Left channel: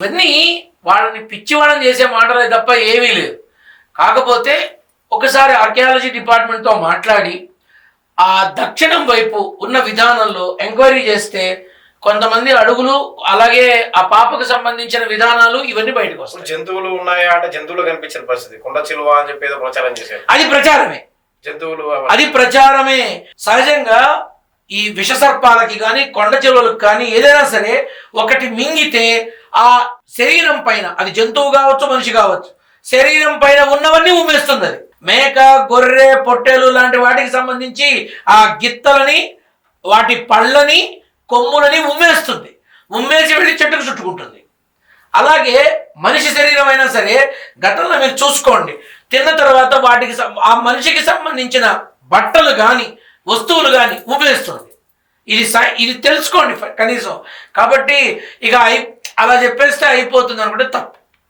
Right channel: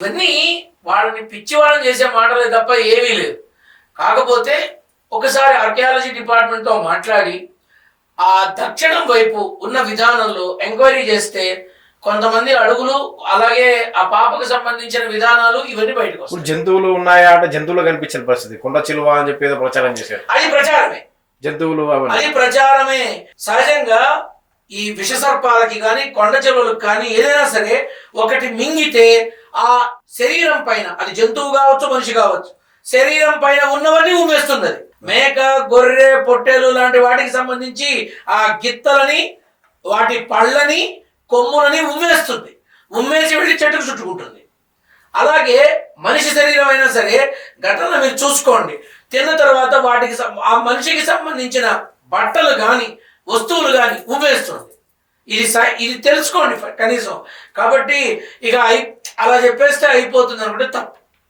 ఇవన్నీ వాళ్ళని పిచ్చివాళ్ళని చేసే మాటలే తప్ప ఏమీ లేదు. కాకపోతే ఒకసారి ఆర్కియాలజీ డిపార్ట్మెంట్తో మాట్లాడి ఆ దక్షిణం వైపు ఉన్న విధానంలో ఎంక్వైరీ చేస్తే కొంతమంది అడుగులు, అలాగే ఆ పాపకు సంబంధించిన విధానాలు ఇవన్నీ బయటకు వస్తాయి. జంతువులు ఉన్నాయా అంటే జంతువులు కనిపించిన పరిస్థితి, కొండ చిలువ అని చెప్పి ఏదో ప్రచారం చేశారు. అది ప్రచారమే, జంతువులు అది ప్రచారమే. సహజంగా ఈ విష సర్పాలకి కానీ కొండ చిలువలకు కానీ ఏదైనా సరే ఒకటి మింగితే ఆ శరీరం పైన, అది జంతువు కావచ్చు మనిషి కావచ్చు, శరీరం పైన ఉన్నవన్నీ ఉమ్మేస్తుంది. అది మేక, గొర్రె, పొట్టేలు లాంటి వాటికి సంబంధించి ఆ గిత్తలని, వాటి పళ్ళని, కొమ్ములని ఉమ్మేస్తుంది. ఉమ్మేసి వెళ్ళి చెట్టుకు చుట్టుకుంటుంది. అలాగే మనిషి శరీరం అయినా సరే ఘటనలు మీరు చూసుకోండి, తిన్న తర్వాత వాటికి ఆ మనిషికి సంబంధించిన బట్టలు కానీ వస్తువులు కానీ ఉమ్మేస్తుంది. ఇది తెలుసుకోండి కనీసం. కాబట్టి ఇక అలా చెప్పేస్తే అయిపోతుంది అనుకుంటే తప్పు.